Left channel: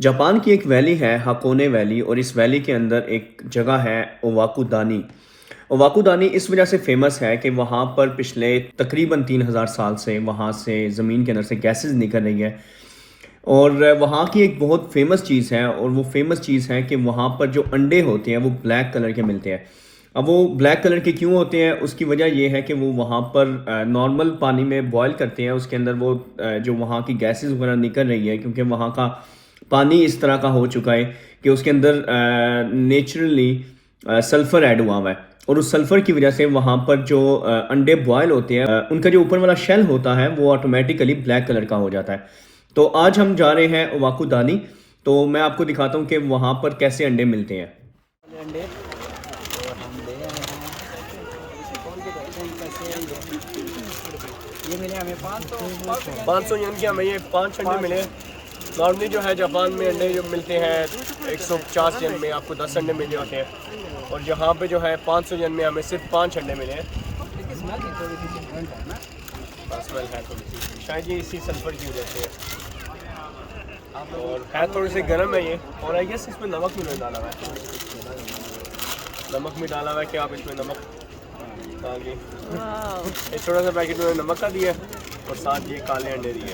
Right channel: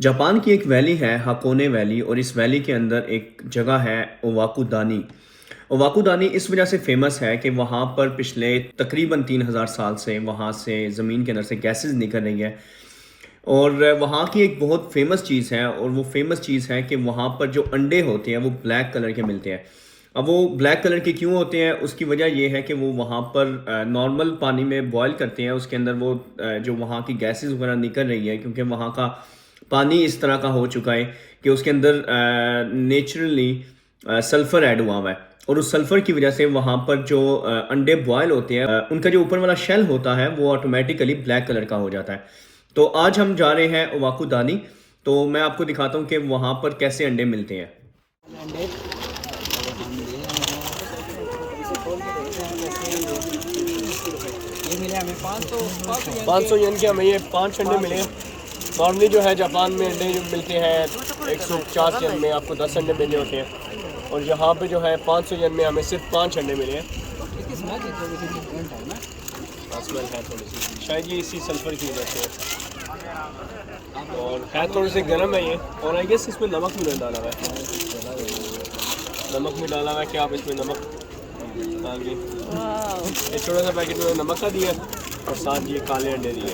Japan की एक valley है हाकोने वैली और इस वैली के अंदर एक जगह है ओवाकुदानी। ओवाकुदानी इस वजह से फेमस है कि वहाँ पर पिछले तकरीबन 3000 साल से वहाँ से ज़मीन के अंदर से गैसेस निकल रही है। और वहाँ की एक बहुत फेमस चीज़ है और वो फेमस चीज़ है कि वहाँ पर जो अंडे होते हैं वो ब्लैक कलर के मिलते हैं। अब वो ब्लैक कलर के क्यों होते हैं, उसकी वजह ये है कि वो वहाँ पर नॉर्मल पानी में बॉयल करते हैं, उसके अंदर वो जो वहाँ की गैसेस वगैरह निकल रही है क्योंकि वहाँ का पानी इस तरह का हो चुका है कि उसके अंदर नेचुरली सल्फ़र ऐड हुआ हुआ है। और उस सल्फ़र की वजह से वहाँ पर जो अंडे बॉयल होते हैं, उनका जो ऊपर वाला शेल होता है वो ऑटोमेटिकली ब्लैक कलर का हो जाता है। तो आज हम जा रहे हैं ओवाकुदानी। तो मैं आपको दिखाता हूँ कि वहाँ पर कैसे अंडे मिलते हैं। अंडे और हम दे रहे हैं इसे खोल के देखते हैं कैसे हम ये मिले हमें 500 येन के हमें ये 5 अंडे मिले। नॉर्मली जो है जापान में अंडे जो मिलते हैं 150 येन में आपको 10 अंडे मिले होते हैं, और यहाँ पे जो है 500 येन में हमें सिर्फ 5 अंडे मिले हैं। स्मेल है थोड़ी सी, शायद ये इसी सल्फर की वजह से और है, थोड़े से गर्म है ये। और आई गेस इसमें नमक भी डाला हुआ है, नमक भी डाला हुआ है कि आप इसमें नमक डालिए। एक छोटा सा पैकेट में नमक का दिया और साथ ये काले अंडे दिए।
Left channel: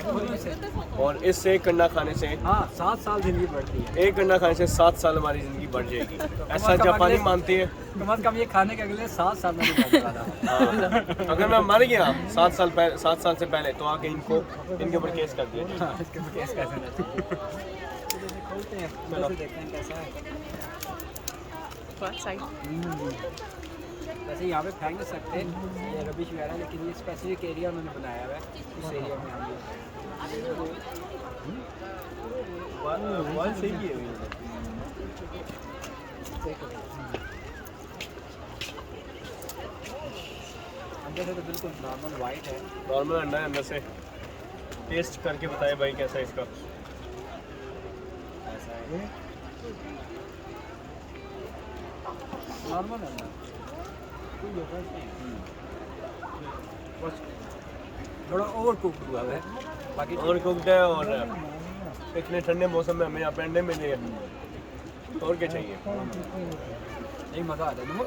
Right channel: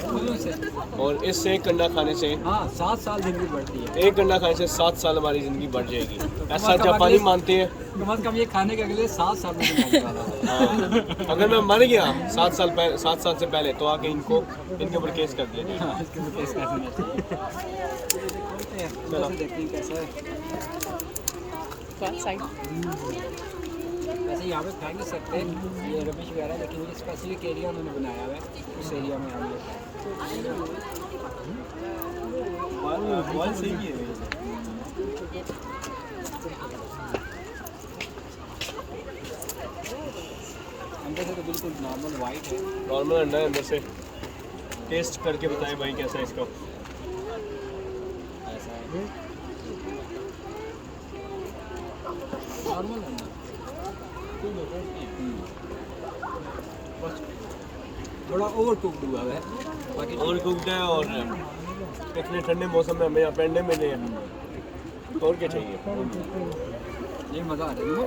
और इससे एक अंडा खाने से 7 साल जिंदगी बढ़ती है। एक अंडा खाने से 7 साल हमारी ज़िंदगी बढ़ जाएगी, ऐसा जापानी मानते हैं। कम से कम ये खाने के अगले 7 साल में खाने वाला है। अगर मैं मर गया 7 साल से पहले तो आके इनके ऊपर केस कर दे। चलो देखते हैं कैसे है। वैसे यहाँ पे फेंक नहीं सकते ये रबिश वगैरह, लेकिन ये स्पेसिफिक एरिया उन्होंने बनाया हुआ है, उस एरिया में हम सही है। अंदर से तो बिल्कुल नॉर्मल वाइट है। नॉर्मल अंडा है अंदर से। टेस्ट करके बताए भाई कैसा है इसका। ऐसा है नॉर्मल है ना, बस थोड़ा ओवर कुक्ड हुआ है, बाकी ओवर कुक्ड है। और इतने ठंडे मौसम में हमें अपने अंडे मिले हैं, और क्या चाहिए। नहीं मज़ा आ जाएगा।